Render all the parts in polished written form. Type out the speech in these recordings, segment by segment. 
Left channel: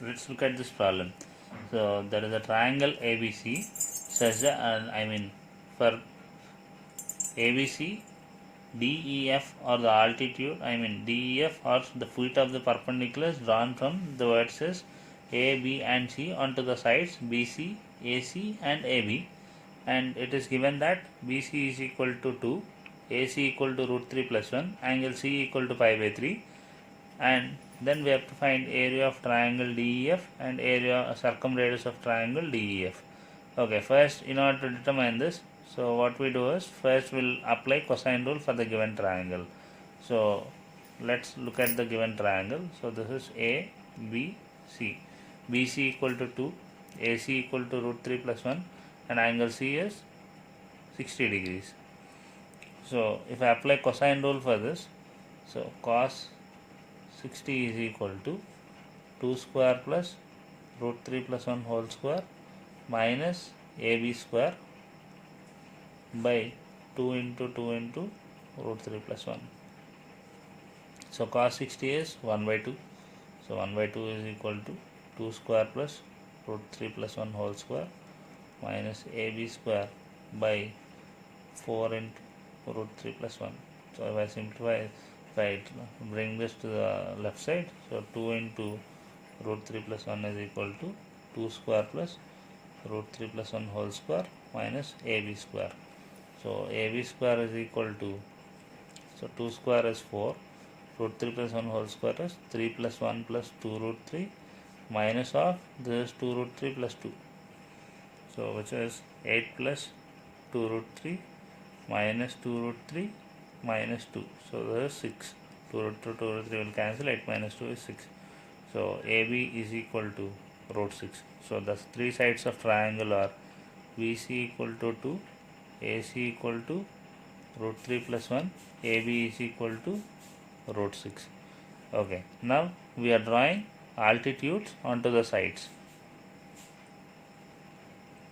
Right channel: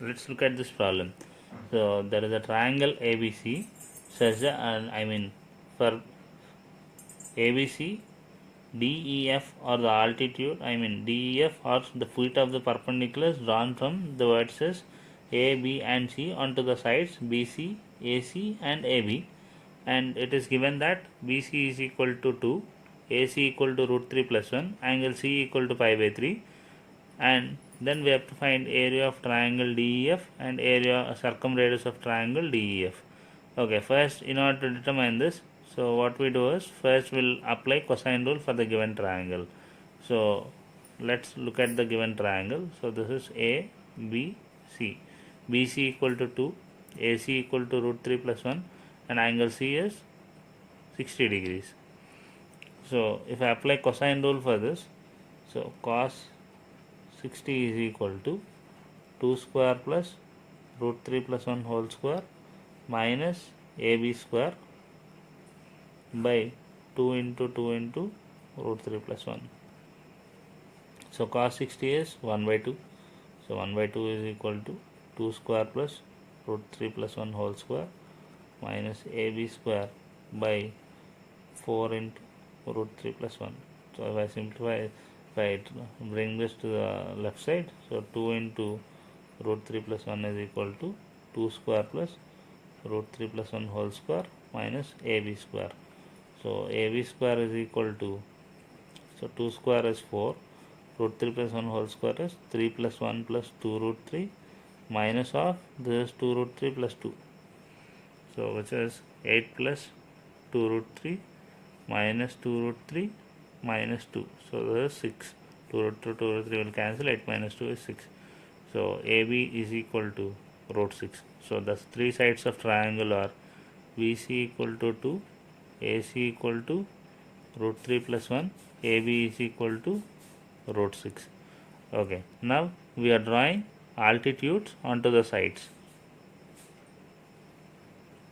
let's look at this problem. So there is a triangle ABC such that for ABC DEF or the altitude DEF or the feet of the perpendiculars drawn from the vertices A, B and C onto the sides BC, AC and AB, and it is given that BC is equal to 2, AC equal to root 3 plus 1, angle C equal to pi by 3, and then we have to find area of triangle DEF and area circumradius of triangle DEF. Okay, first in order to determine this, so what we do is first we'll apply cosine rule for the given triangle. So let's look at the given triangle. So this is A, B, C. BC equal to 2, AC equal to root 3 plus 1 and angle C is 60 degrees. So if I apply cosine rule for this, so cos 60 is equal to 2 square plus root 3 plus 1 whole square minus AB square by 2 into root 3 plus 1. So cos 60 is 1 by 2. So 1 by 2 is equal to 2 square plus root 3 plus 1 whole square minus AB square by 4 into root 3 plus 1. So if I simplify, right, bring this to the left side. So 2 into root 3 plus 1 is equal to 2 square plus root 3 plus 1 whole square minus AB square. So AB square is equal to, so 2 square is 4, root 3 plus 1 whole square is 3 plus 1 plus 2 root 3 minus of this is 2 root 3 plus 2. So which is 8 plus 2 root 3 minus 2 root 3 minus 2. So this is 6. 2 root 3 will cancel, 8 minus 2 is 6. So AB is equal to root 6. So the three sides of triangle are BC equal to 2, AC equal to root 3 plus 1, AB is equal to root 6. Okay, now we are drawing altitudes onto the sides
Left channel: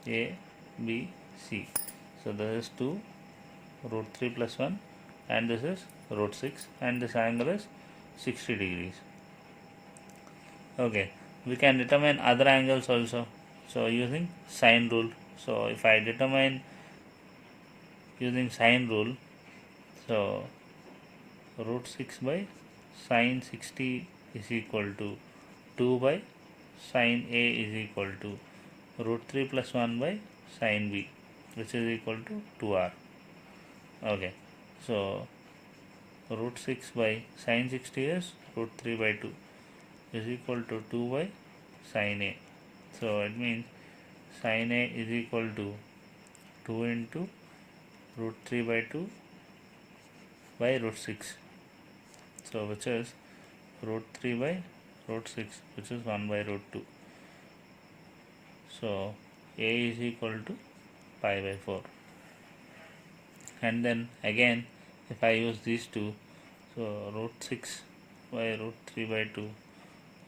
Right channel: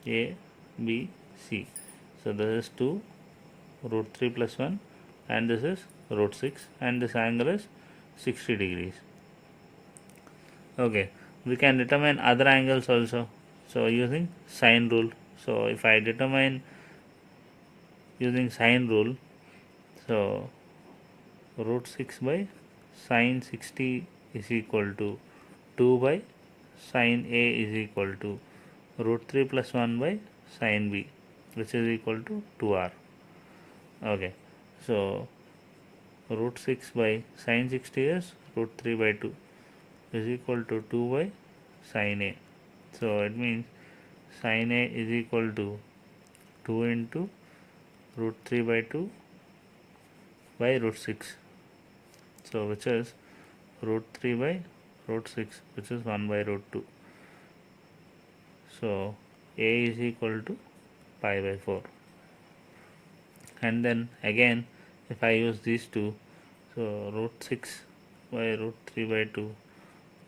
A, B, C. So this is 2 root 3 plus 1 and this is root 6 and this angle is 60 degrees. Okay, we can determine other angles also. So using sine rule. So if I determine using sine rule, so root 6 by sine 60 is equal to 2 by sine A is equal to root 3 plus 1 by sine B, which is equal to 2r. Okay, so root 6 by sine 60 is root 3 by 2 is equal to 2 by sine A. So it means sine A is equal to 2 into root 3 by 2 by root 6. So which is root 3 by root 6, which is 1 by root 2. So A is equal to pi by 4. And then again if I use these two, so root 6 by root 3 by 2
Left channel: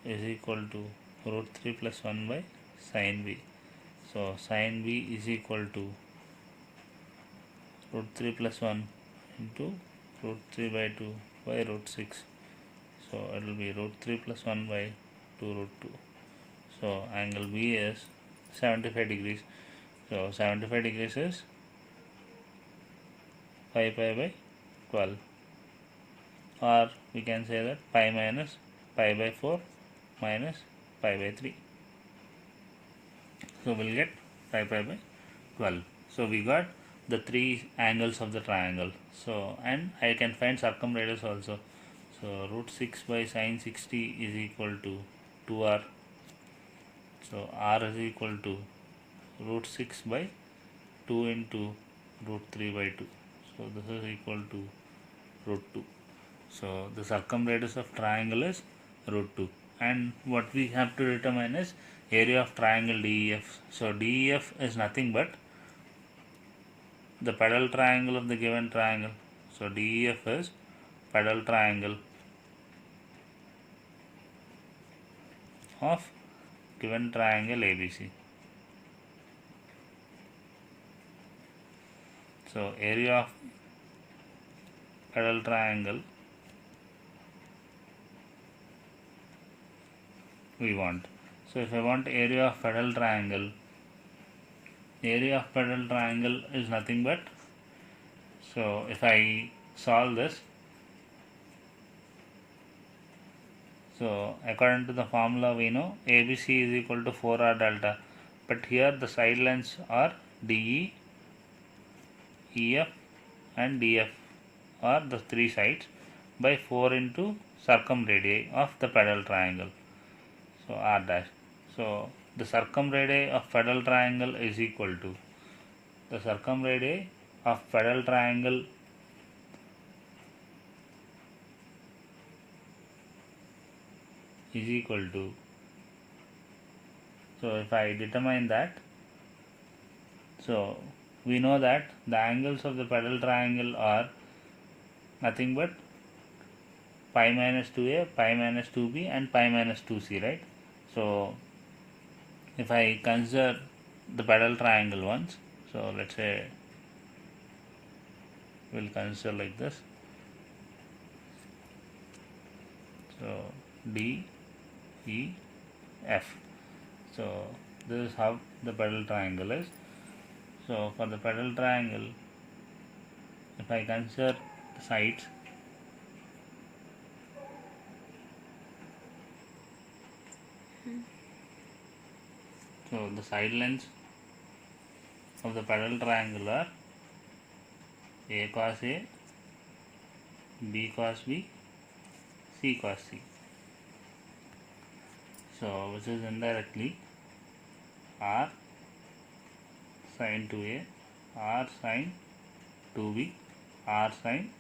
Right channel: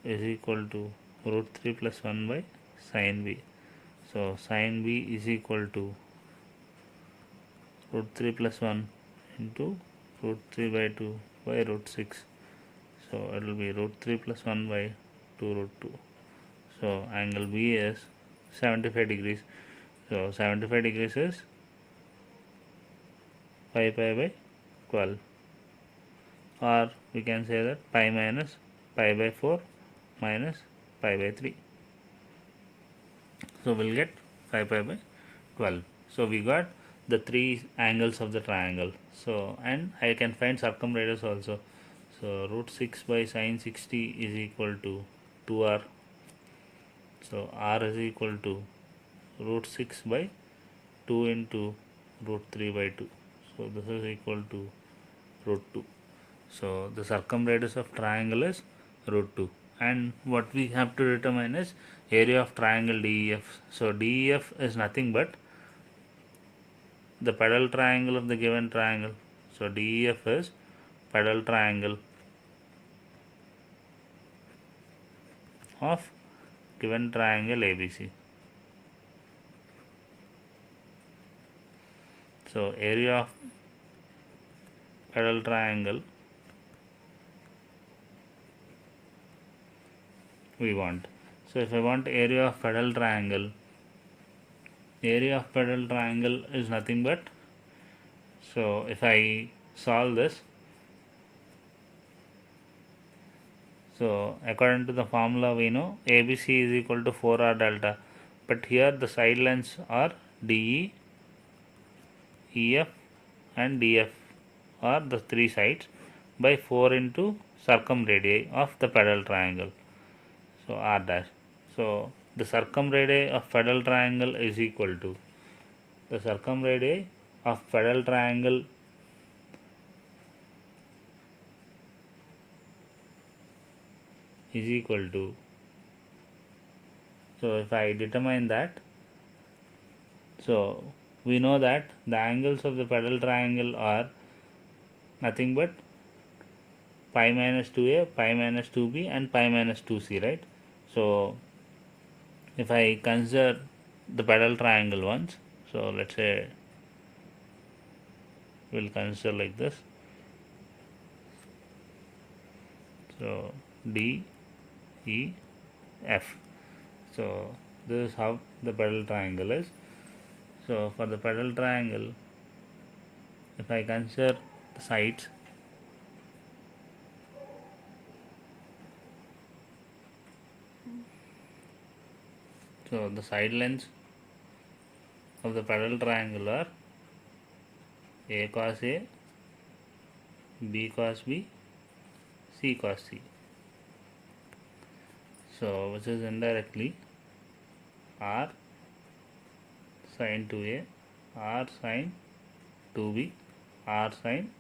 is equal to root 3 plus 1 by sine B. So sine B is equal to root 3 plus 1 into root 3 by 2 by root 6. So it will be root 3 plus 1 by 2 root 2. So angle B is 75 degrees. So 75 degrees is pi by 12, or we can say that pi minus pi by 4 minus pi by 3. So we'll get pi by 12. So we got the three angles of the triangle. So and I can find circumradius also. So root 6 by sine 60 is equal to 2r. So r is equal to root 6 by 2 into root 3 by 2. So this is equal to root 2. So the circumradius of triangle is root 2. And what we have to determine is area of triangle DEF. So DEF is nothing but the pedal triangle of the given triangle. So DEF is pedal triangle of given triangle ABC. So area of pedal triangle we want. So if I want area of pedal triangle, area of pedal triangle is nothing but, so if I solve this, so according to the formula we know ABC is equal to 4R delta, but here the side lengths are DE, EF and DF are the three sides by 4 into circumradii of the pedal triangle, so R dash. So the circumradii of pedal triangle is equal to, the circumradii of pedal triangle is equal to, so if I determine that, so we know that the angles of the pedal triangle are nothing but pi minus 2a, pi minus 2b and pi minus 2c, right? So if I consider the pedal triangle once, so let's say we'll consider like this, so D, E, F. So this is how the pedal triangle is. So for the pedal triangle, if I consider the sides, so the side lengths of the pedal triangle are A cos A, B cos B, C cos C. So which is indirectly R sin 2A, R sin 2B, R sin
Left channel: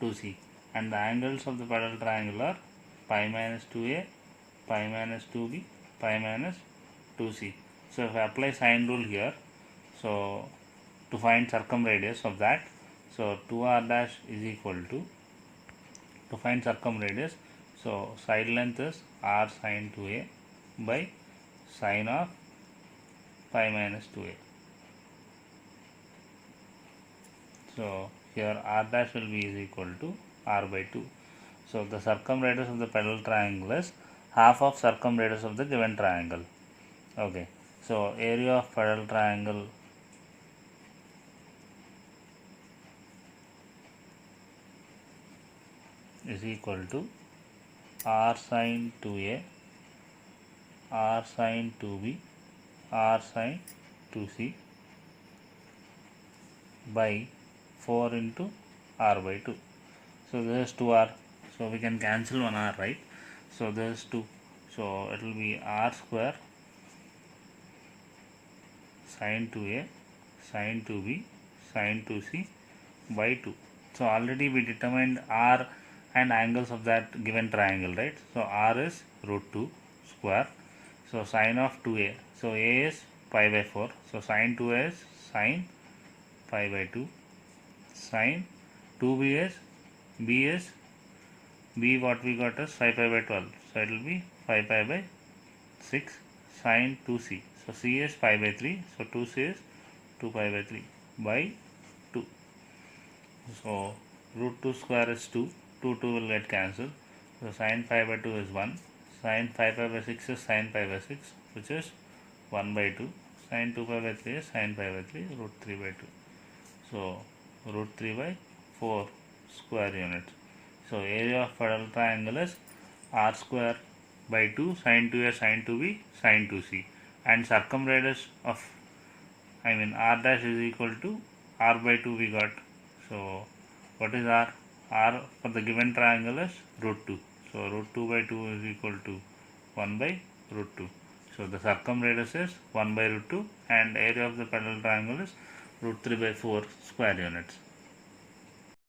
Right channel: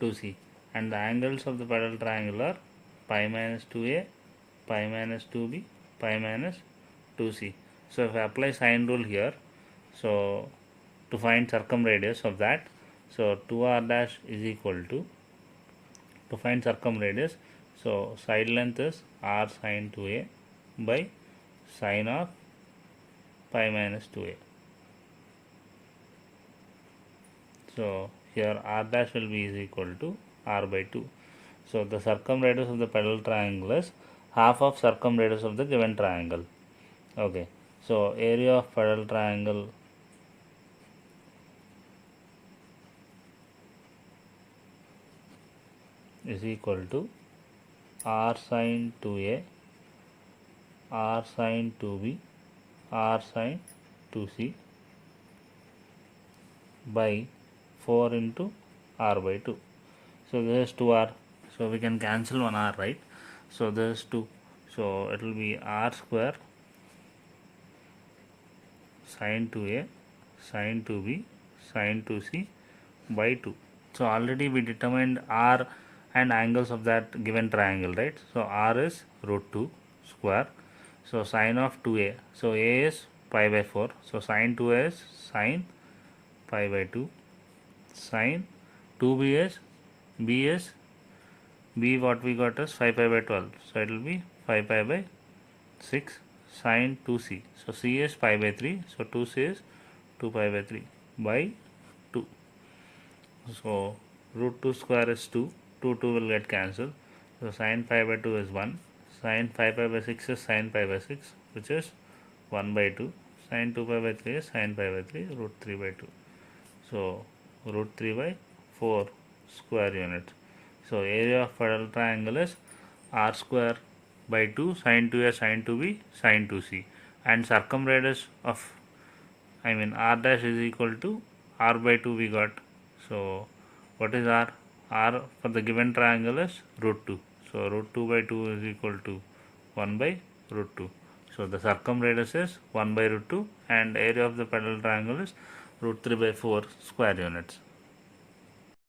2C, and the angles of the pedal triangle are pi minus 2A, pi minus 2B, pi minus 2C. So if I apply sine rule here, so to find circumradius of that, so 2R dash is equal to find circumradius, so side length is R sin 2A by sine of pi minus 2A. So here R dash will be is equal to R by 2. So the circumradius of the pedal triangle is half of circumradius of the given triangle. Okay, so area of pedal triangle is equal to R sin 2A, R sin 2B, R sin 2C by 4 into R by 2. So this is 2R, so we can cancel one R, right? So this is 2, so it will be R square sin 2A, sin 2B, sin 2C by 2. So already we determined R and angles of that given triangle, right? So R is root 2 square, so sine of 2A, so A is pi by 4, so sine 2A is sine pi by 2, sine 2B is B what we got is 5 pi by 12, so it will be 5 pi by 6, sine 2C, so C is pi by 3, so 2C is 2 pi by 3 by 2. So root 2 square is 2, 2 will get cancelled, so sine pi by 2 is 1, sine 5 pi by 6 is sine pi by 6, which is 1 by 2, sine 2 pi by 3 is sine pi by 3, root 3 by 2. So root 3 by 4 square units. So area of pedal triangle is R square by 2 sin 2A sin 2B sin 2C, and circumradius of R dash is equal to R by 2 we got. So what is R? R for the given triangle is root 2. So root 2 by 2 is equal to 1 by root 2. So the circumradius is 1 by root 2 and area of the pedal triangle is root 3 by 4 square units.